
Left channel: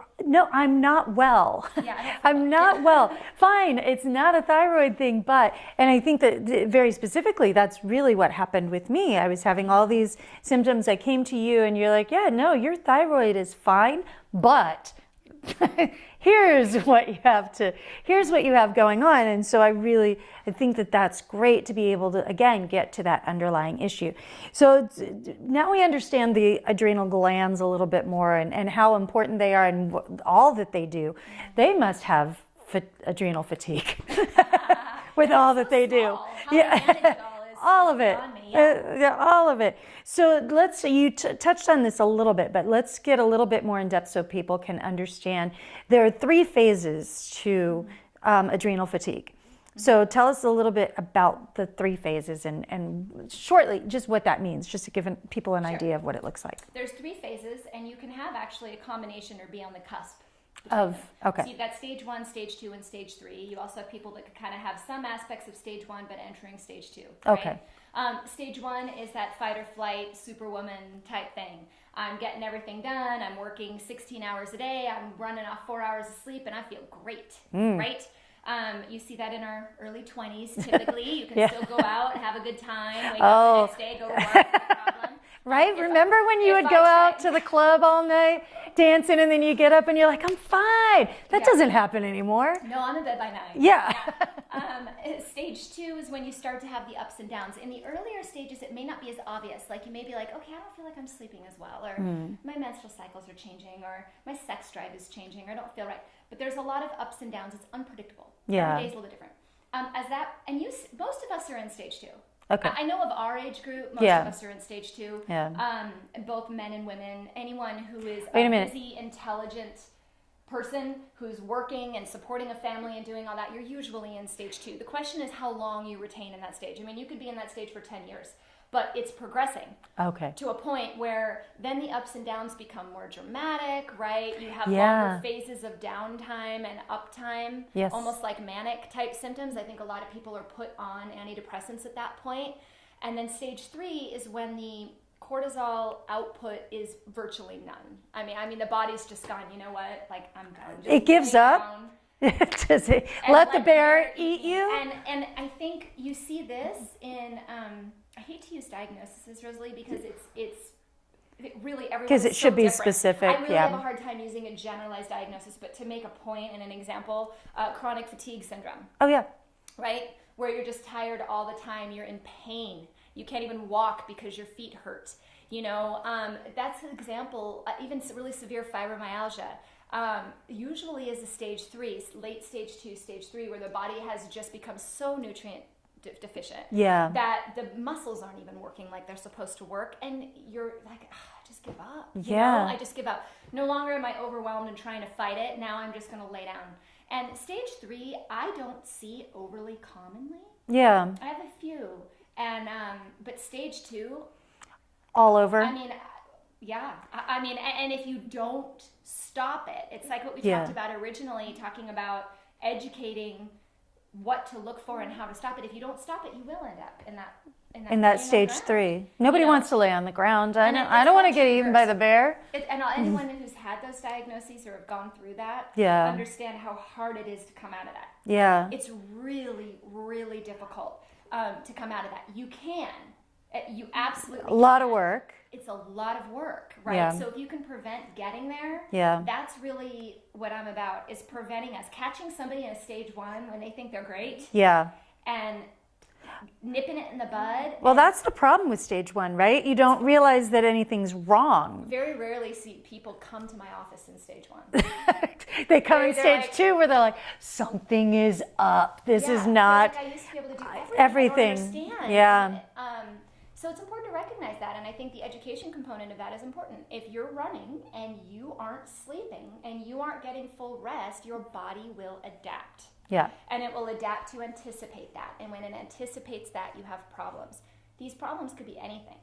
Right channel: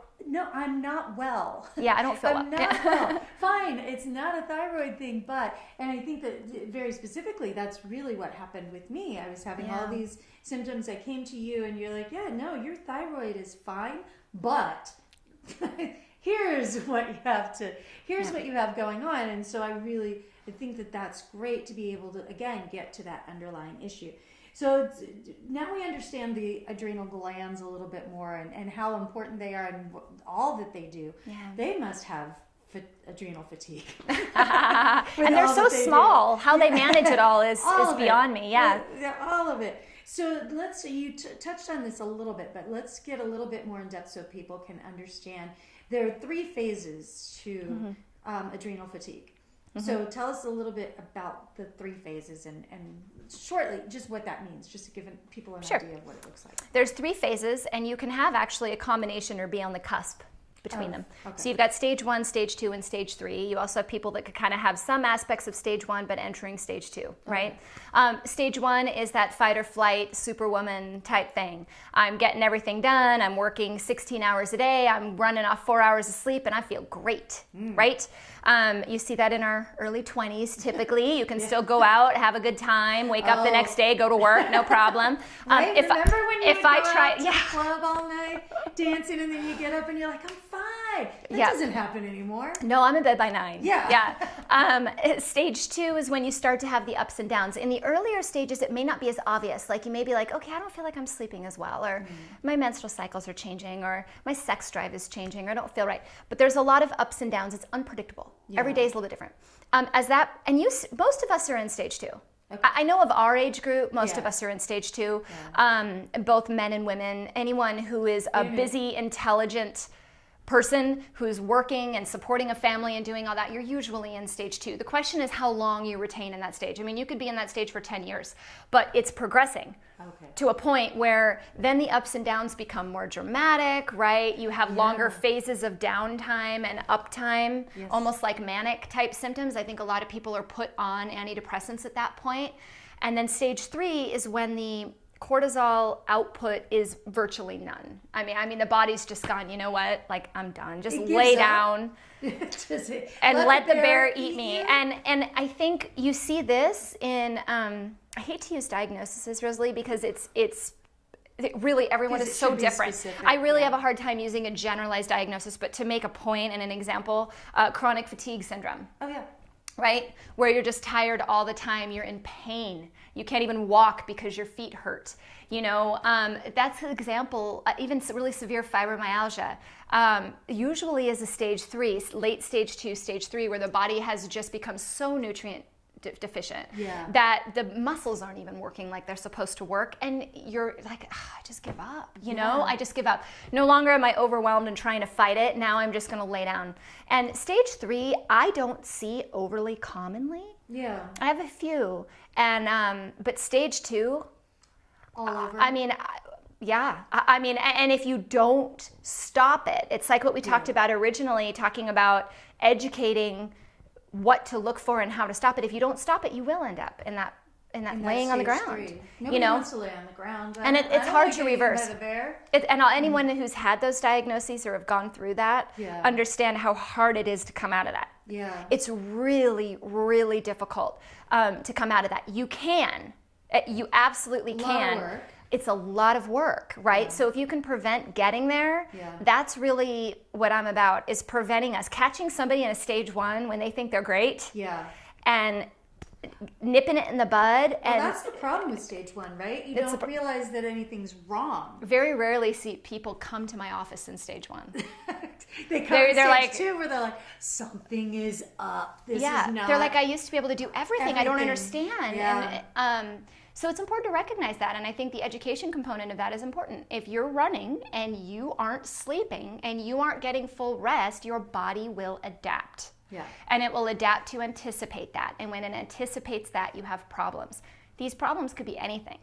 I'm not well. I don't feel I'm not well. Fine, it's not a thyroid thing, and I think that very specifically, that's really what happened with me. I was having all these symptoms. I came to you and you're like, no, your thyroid is fine, but here's what you have going on. And so I think that that's great to be able to, again, get to that underlying issue. So now we understand the adrenal glands a little bit more, and how important they are, and all that they do. They must have adrenal fatigue. And they're so small. How they manage it all is beyond me. All of it. So you touched on this a little bit, but let's get a little bit more in depth so people can understand. There are 3 phases to adrenal fatigue. So tell us a little bit about the 3 phases and shortly just what that means, just to give people an idea of what it looks like. There's 3 phases, and you can have actually a combination or be on the cusp between them. Okay. So you've got stage 1, stage 2, and stage 3. You also have people that could kind of have some aspects of stage 1 but entering stage 2, right? Stage 1 is that fight or flight superwoman type thing. I'm getting everything done. I'm working 16 hours a day. I'm running off 4 hours of sleep, and I feel great, right? You see that in our early 20s, typically. You can still go out, have a good time, wake up the next day, go to work, no problem. Right? Remember when you would go out to the club all night, dancing, and then you get up and you're like, I'm fine. That doesn't happen anymore. No, I'm in bed by 9. Yeah. Stage 2 is when you start to have the ups and downs. In the earlier stages, it may not be as obvious. Like you may be like, okay, I don't feel like I'm sleeping as well, or my menstrual cycles are changing, or my sex drive is changing, or I don't feel right. But there's a lot of ups and downs. It's unpredictable. Every day is a little bit different. Most of us are in stage 2. Okay. I know of our age group, most of us are in stage 2. Yeah. Both men and women. Anyone who is a busy, intelligent person who's working and supporting a family and doing all that, you're usually in stage 2. The question is how long you retain in that stage. I mean, you could be in that stage for 10 years, but it's progressing to a point where then the ups and downs become more dramatic, right? You have longer phases of downtime and uptime, almost like manic type symptoms. I think a lot of people are put on antidepressants at that point. And then stage 3 is when the cortisol output is virtually none. I mean, the body's just gone, you know what? Like, I'm done. Just lay down and let the bear eat me. And I think you see this in, I hate to use diagnoses, Rosalie, because it's really everyone is so different. Because it should be specific. I really have a hard time using a generalized diagnosis, but to make a point and an example, chronic fatigue syndrome. Oh, yeah. Right? Where you're just tired all the time. You're in pain. You can't even walk because your feet hurt. You know, that's an example. Even really severe fibromyalgia usually is a stage 3, late stage 2, stage 3, where the body has just become so nutrient deficient that the muscles aren't even working like they're supposed to work, and you're like, I just give up. You know, I just give up. No longer am I overwhelmed and trying to fight it. Now I'm just going to lay down. And stage 3, I don't see overly commonly. Yeah, I have a few. And but stage 2, all over. I mean, I mean, and if you don't stop it, it's like what we talked about originally, talking about educating what to look for and how to stop it. If you don't stop it, you will end up in that stage 3. Nobody wants to lay on the ground. I don't want to get eaten by the bear. Anyone who's had those diagnoses or have gone through that understand how hard it is to come out of that. Yeah, it's really, really difficult to come out of that. You can. You absolutely can. A lot of work. It's a lot of work, right? Yeah. So if you can prevent getting there, that's really what I'm about, is preventing us. Catching somebody in a stage 1 when they think they're great. Yeah. And nipping it in the bud. Well, that's the problem with stage 1, right? You don't realize that anything's wrong. Very rarely see people come to my office in stage 1. They come in stage 2 where they're like, something is up. This is not. They're like, I used to be able to do everything. I don't understand. Yeah. And, so it's important to recognize that, and I think the education component of that is important. If you're running and you aren't sleeping and you aren't getting full rest, your body will adapt. Yeah. And it will adapt to anticipate that. And when it anticipates that, you have problems. These problems could be anything.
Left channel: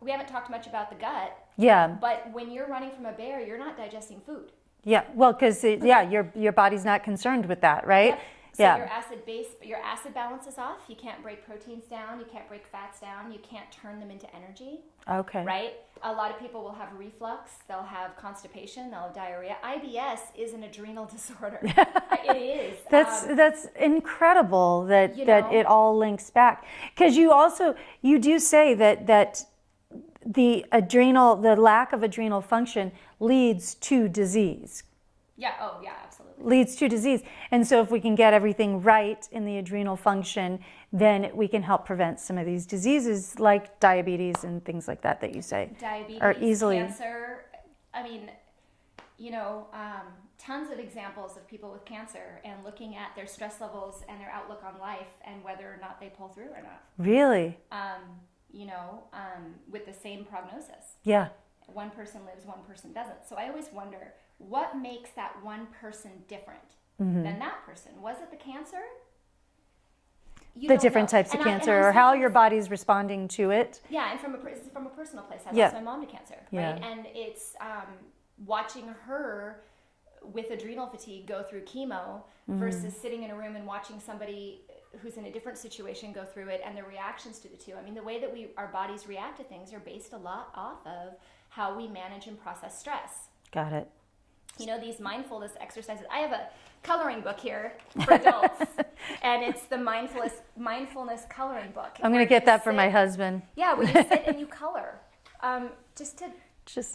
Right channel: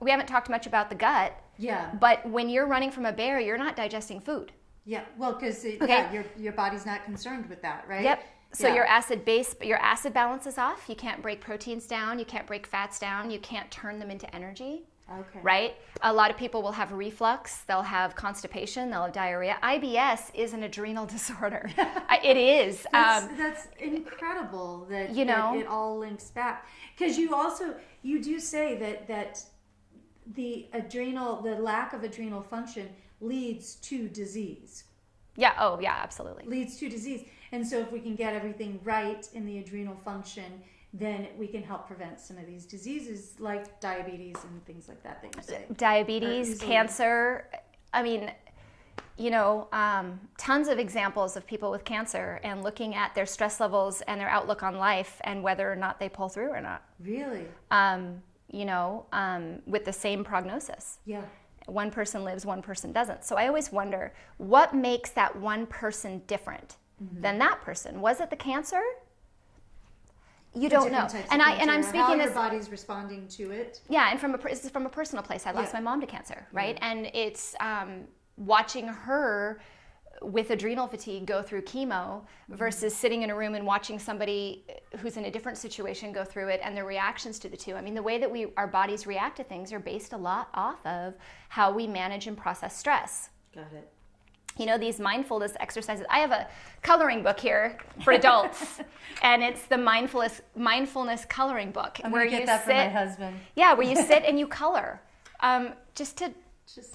We haven't talked much about the gut. Yeah. But when you're running from a bear, you're not digesting food. Yeah. Well, because your body's not concerned with that, right? Yep. So your acid balance is off. You can't break proteins down. You can't break fats down. You can't turn them into energy. Okay. Right? A lot of people will have reflux. They'll have constipation. They'll have diarrhea. IBS is an adrenal disorder. It is. That's incredible that it all links back. Because you do say that the lack of adrenal function leads to disease. Yeah, absolutely. Leads to disease. And so if we can get everything right in the adrenal function, then we can help prevent some of these diseases like diabetes and things like that you say. Diabetes, cancer. I mean, tons of examples of people with cancer and looking at their stress levels and their outlook on life and whether or not they pull through or not. Really? With the same prognosis. Yeah. One person lives, one person doesn't. So I always wonder, what makes that one person different than that person? Was it the cancer? You don't different know. Types of cancer, or how your body's responding to it. Yeah, and this is from a personal place. I lost my mom to cancer, right? And it's watching her with adrenal fatigue go through chemo versus sitting in a room and watching somebody who's in a different situation go through it, and the reactions to the two. I mean, the way that our bodies react to things are based a lot off of how we manage and process stress. Got it. you know, these mindfulness exercises. I have a coloring book here for adults, and it's the mindfulness coloring book. I'm going to get that for my husband. Yeah, where you sit and you color, just to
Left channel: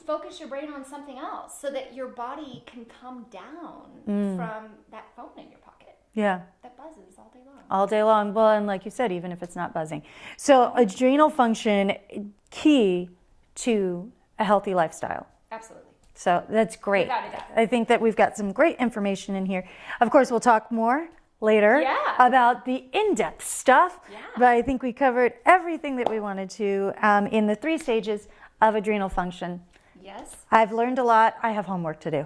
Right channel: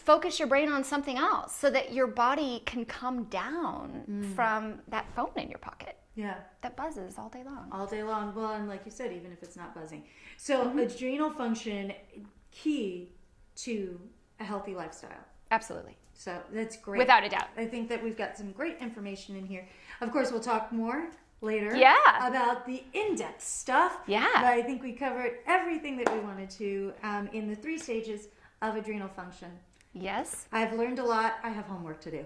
focus your brain on something else, so that your body can come down from that phone in your pocket. Yeah. That buzzes all day long. All day long. Well, and like you said, even if it's not buzzing. So adrenal function, key to a healthy lifestyle. Absolutely. So that's great. Without a doubt. I think that we've got some great information in here. Of course, we'll talk more later about the in-depth stuff. Yeah. But I think we covered everything that we wanted to in the 3 stages of adrenal function. Yes. I've learned a lot. I have homework to do.